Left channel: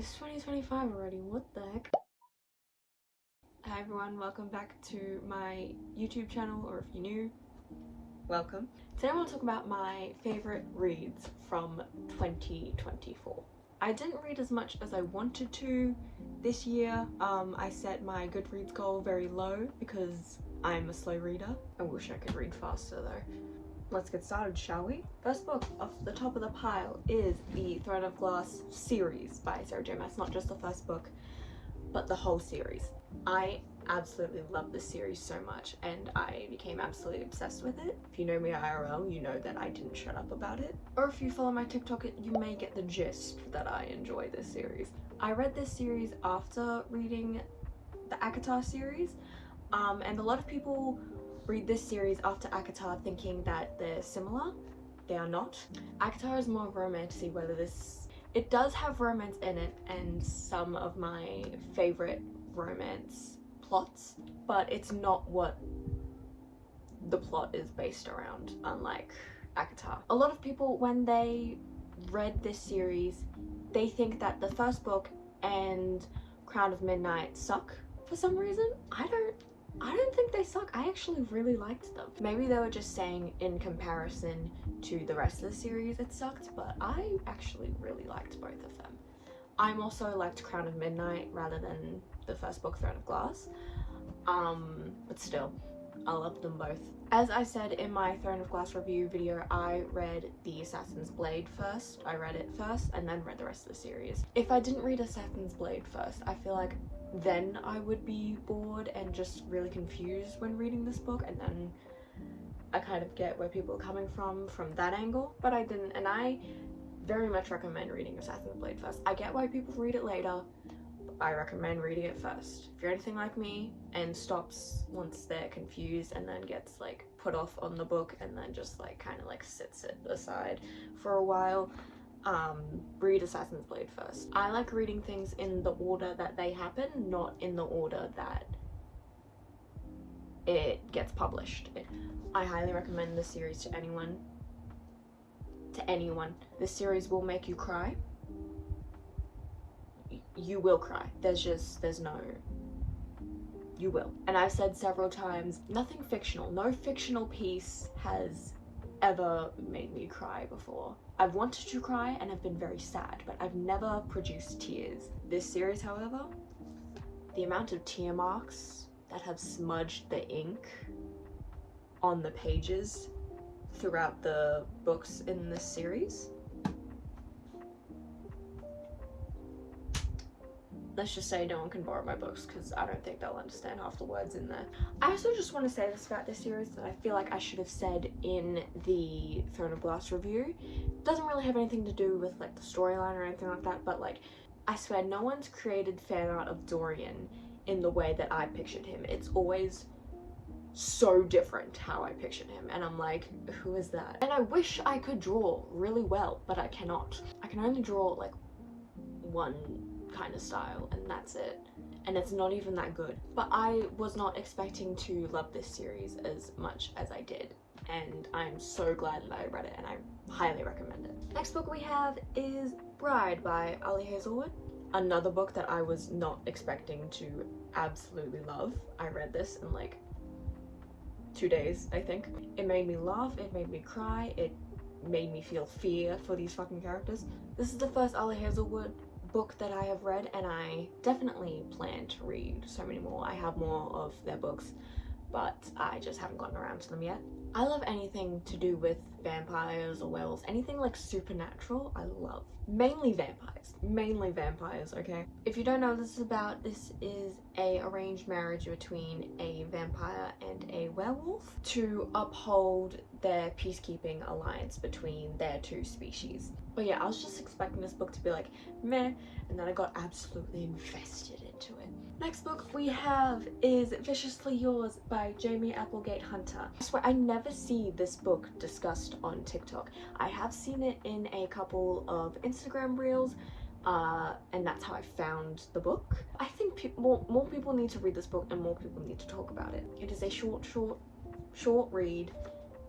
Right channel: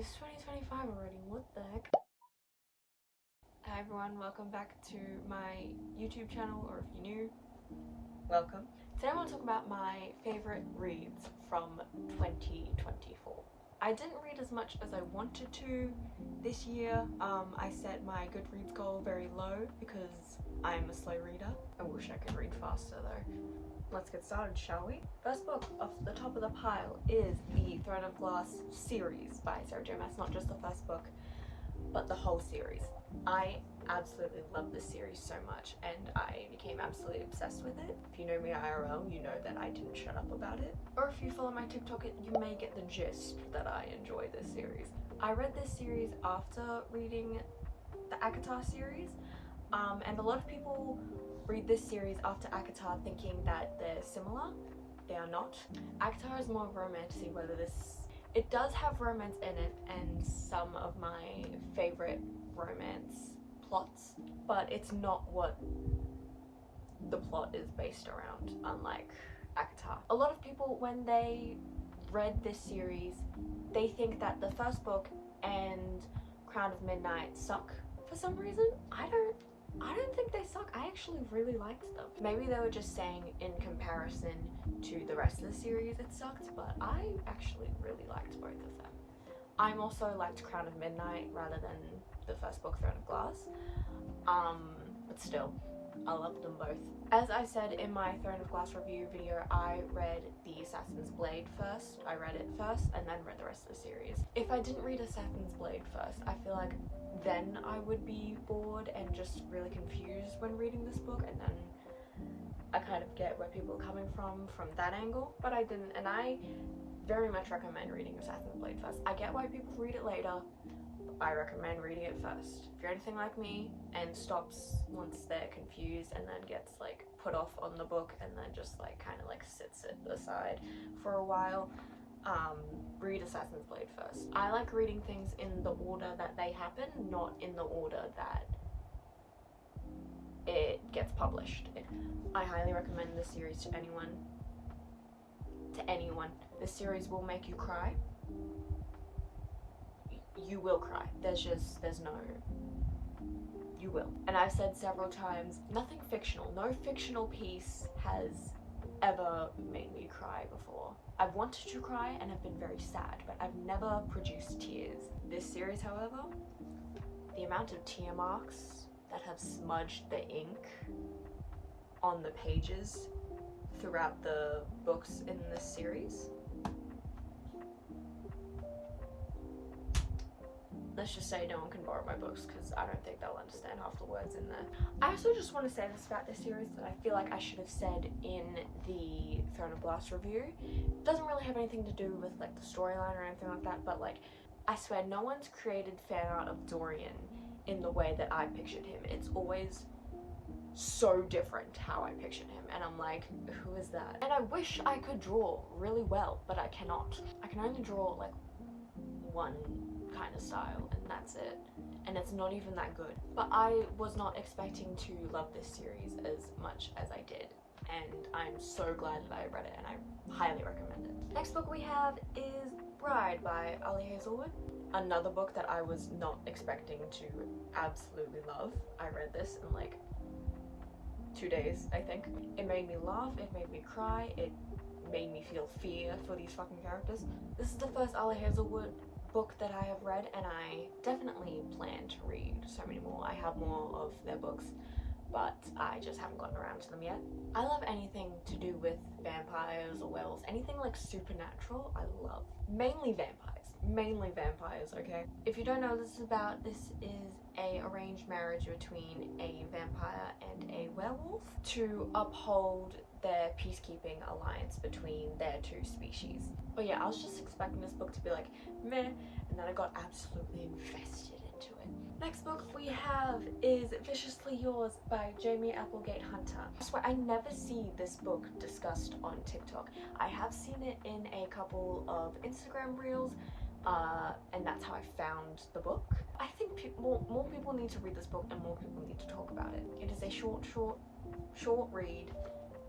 It's 2025 already, what the heck? Hi everyone, welcome back to my YouTube channel, or if you're new, welcome. Today I want to talk about my favourite reads from 2024. I didn't read as much as I wanted to this year. I set my Goodreads goal very low because I'm a slow reader. I wish I could read faster though. Let's get started, shall we? First book off the top of the pile is the Throne of Glass series by Sarah J Maas. Not just the first book, but the whole series. I absolutely love this series so much and I became absolutely obsessed with it. If you know me IRL, you know that I didn't shut up about it. Or if you follow my TikTok, you may get the gist that I enjoy this series. I read this series after reading the ACOTAR series, and a lot of people read this series after ACOTAR thinking that they're similar. They are not. ACOTAR is more romance, whether it does have romance in it and some of my favorite romance plots, but it's not what the plot is based around, unlike ACOTAR. A lot of people, when they read this series, they think that the first book and Crown of Midnight suck for some reason. I don't think they suck. I actually really liked them. Maybe they were just saying in comparison to the rest of the series it sucked, but I actually really liked both of them. I'm also liked Crown of Midnight rather than the first book, Throne of Glass. But still, I loved them both. As I said in my Throne of Glass review video, I read the Assassin's Blade first. I read it first and then read the rest of the series. If I didn't read Assassin's Blade first, I feel like then I would be bored and just really confused when reading this book, and then I kind of get where people are coming from that angle, but I didn't, and I very much recommend reading Assassin's Blade first. I get why people read it later, but I recommend reading it first. If you're anything like me and stops once they're confused and then gets like put off on the book and then just like kind of like sits it aside for a while, read Assassin's Blade first. I like reading things in the order that they happen, not in the order that it gets published. I highly recommend this series to anyone. This series will make you cry. You will cry. There's no, you will. And I've said several times, nothing fictional, no fictional piece has ever made me cry before. I've wanted to cry and have been very sad, but I've never produced tears. This series, however, the amount of tear marks that have smudged the ink on the pages throughout the books in this series, let's just say no one can borrow my books because I don't think they'll understand half the words in there. I also just want to say this about this series that I feel like I should have said in the Throne of Glass review. It doesn't really have anything to do with like the storyline or anything like that, but like I swear no one's created fan art of Dorian in the way that I pictured him. It's always so different how I pictured him, and I'm like, who is that? And I wish I could draw really well, but I cannot. I can only draw like one kind of style and that's it, and it's not even that good. But I was not expecting to love this series as much as I did, and I'm so glad that I read it and I highly recommend it. Next book we have is Bride by Ali Hazelwood. Another book that I was not expecting to absolutely love. I read this in like 2 days, I think. It made me laugh, it made me cry, it made me feel fear for these fucking characters. This is the first Ali Hazelwood book that I have read, and I definitely plan to read so many more. I have more of their books, but I just haven't gotten around to them yet. I love anything to do with vampires or werewolves, anything like supernatural, I love. Mainly vampires, okay? If you don't know what this is about, this is a arranged marriage between a vampire and a werewolf to uphold their peacekeeping alliance between their two species. But yeah, I was just expecting this book to be like meh, and then I got absolutely invested into it. Next book we have is Viciously Yours by Jamie Applegate Hunter. I swear I never see this book discussed on TikTok. I have seen it in a couple of Instagram reels, and that's how I found the book. I think more people need to read this book and more people need to talk about it. It is a short read.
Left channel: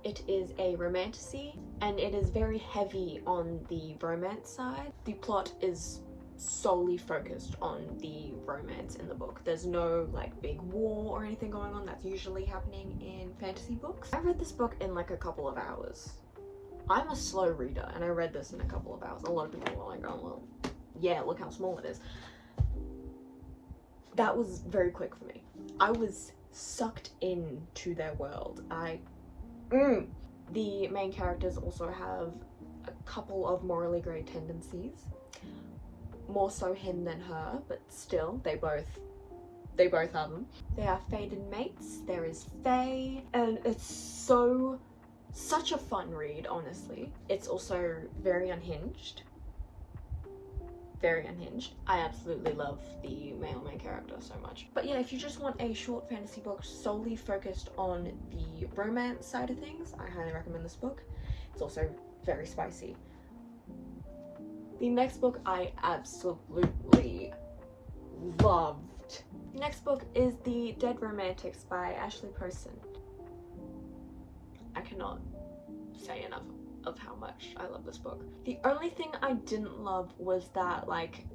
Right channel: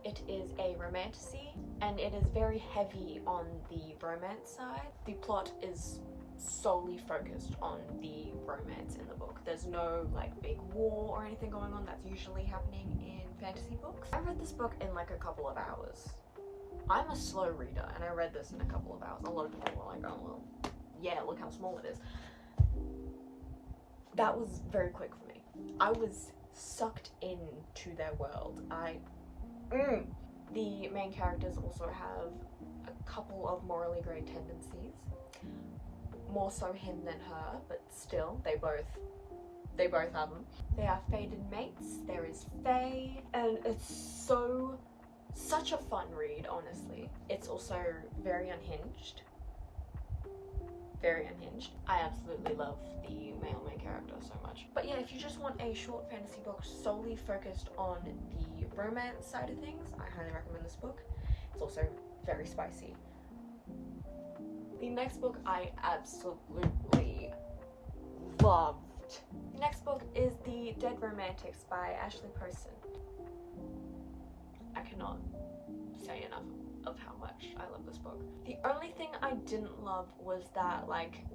It is a romantasy and it is very heavy on the romance side. The plot is solely focused on the romance in the book. There's no like big war or anything going on that's usually happening in fantasy books. I read this book in like a couple of hours. I'm a slow reader and I read this in a couple of hours. A lot of people were like, oh well, yeah, look how small it is. That was very quick for me. I was sucked into their world. The main characters also have a couple of morally grey tendencies. More so him than her, but still, they both have them. They are fated mates, there is Faye, and it's such a fun read, honestly. It's also very unhinged. Very unhinged. I absolutely love the male main character so much. But yeah, if you just want a short fantasy book solely focused on the romance side of things, I highly recommend this book. It's also very spicy. The next book I absolutely loved. The next book is The Dead Romantics by Ashley Poston. I cannot say enough of how much I love this book. The only thing I didn't love was that, like,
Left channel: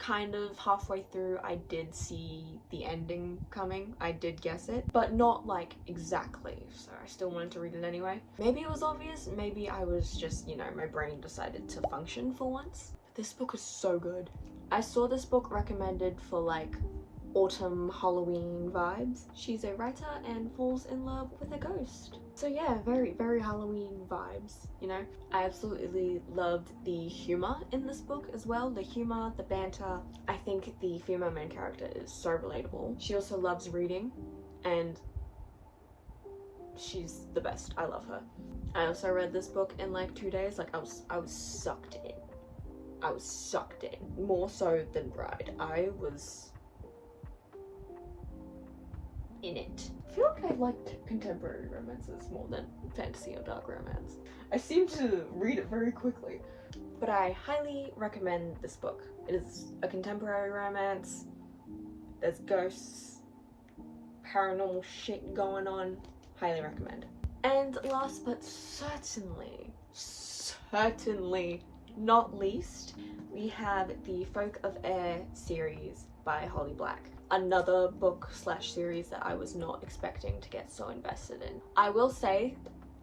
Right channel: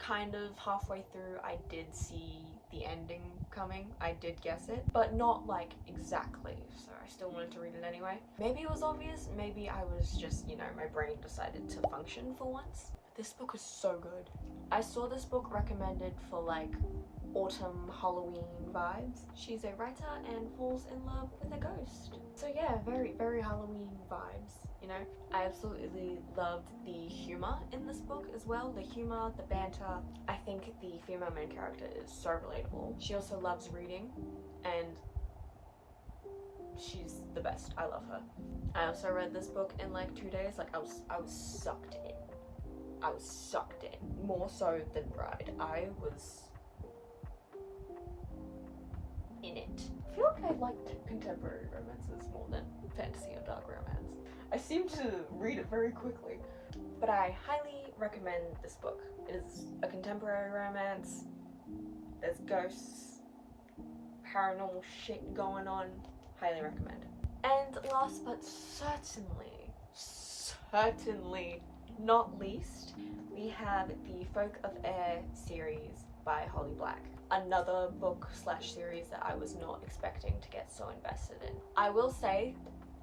kind of halfway through I did see the ending coming. I did guess it, but not like exactly, so I still wanted to read it anyway. Maybe it was obvious, maybe I was just, you know, my brain decided to function for once. This book is so good. I saw this book recommended for like autumn Halloween vibes. She's a writer and falls in love with a ghost. So yeah, very Halloween vibes, you know? I absolutely loved the humor in this book as well. The humor, the banter. I think the female main character is so relatable. She also loves reading and she's the best. I love her. I also read this book in like 2 days. Like I was sucked in. I was sucked in. More so than Bride. I was in it. I feel like I liked contemporary romances more than fantasy or dark romance. I seem to read it very quickly. But I highly recommend this book. It is a contemporary romance. There's ghosts, paranormal shit going on. Highly recommend. And last but certainly not least, we have the Folk of Air series by Holly Black. Another book / series that I was not expecting to get so invested in. I will say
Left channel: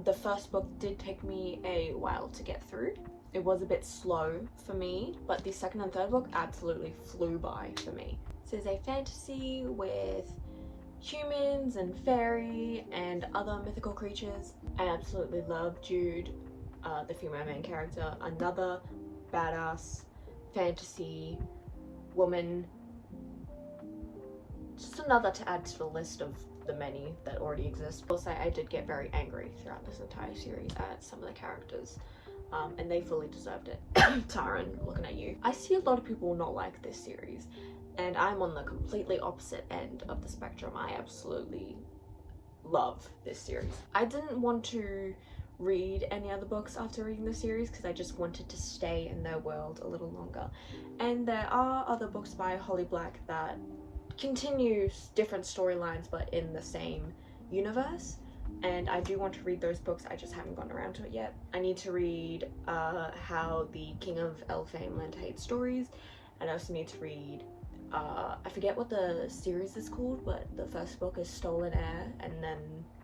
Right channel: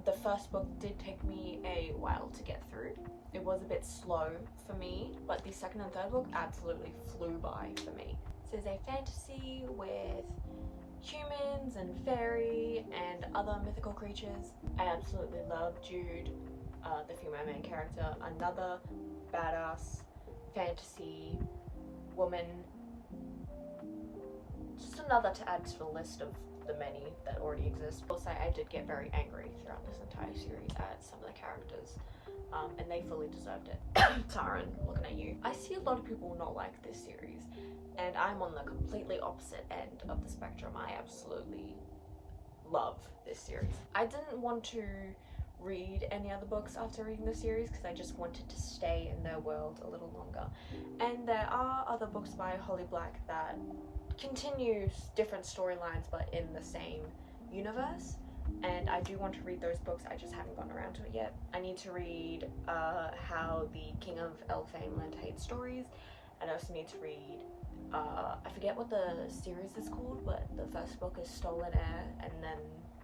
the first book did take me a while to get through. It was a bit slow for me, but the second and third book absolutely flew by for me. This is a fantasy with humans and fairy and other mythical creatures. I absolutely love Jude, the female main character, another badass fantasy woman. Just another to add to the list of the many that already exist. Also, I did get very angry throughout this entire series at some of the characters, and they fully deserved it. Taran, looking at you. I see a lot of people not like this series, and I'm on the completely opposite end of the spectrum. I absolutely love this series. I didn't want to read any other books after reading the series because I just wanted to stay in their world a little longer. And there are other books by Holly Black that continue different storylines but in the same universe, and I do want to read those books. I just haven't gotten around to it yet. I need to read How the King of Elfame Learned to Hate Stories, and I also need to read I forget what the series is called, but the first book is Stolen Heir and then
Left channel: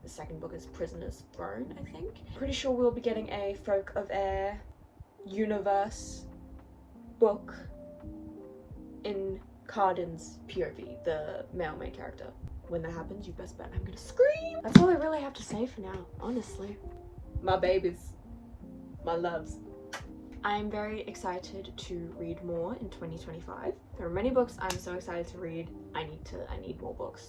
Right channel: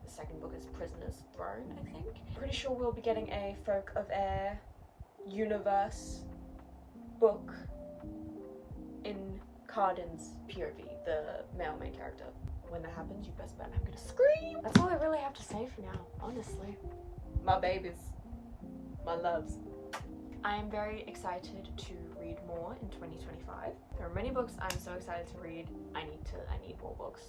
the second book is Prisoner's Throne, I think. Pretty sure we'll be getting a Folk of Air universe book in Carden's POV, the male main character. When that happens, you best bet I'm gonna scream. That's all I really have to say for now, honestly. My babies, my loves. I'm very excited to read more in 2025. There are many books I'm so excited to read. I need more books.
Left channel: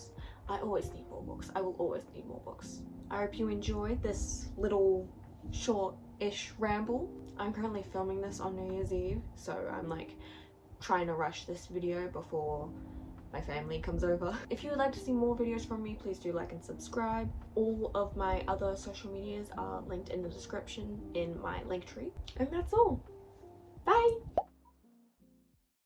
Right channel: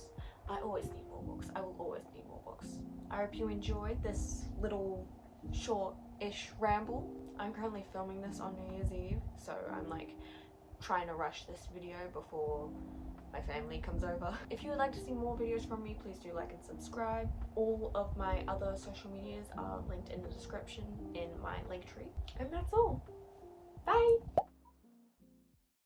I always need more books. I will always need more books. I hope you enjoyed this little short-ish ramble. I'm currently filming this on New Year's Eve, so I'm like trying to rush this video before my family comes over. If you would like to see more videos from me, please do like and subscribe. All of my other social medias are linked in the description in my link tree. And that's all. Bye!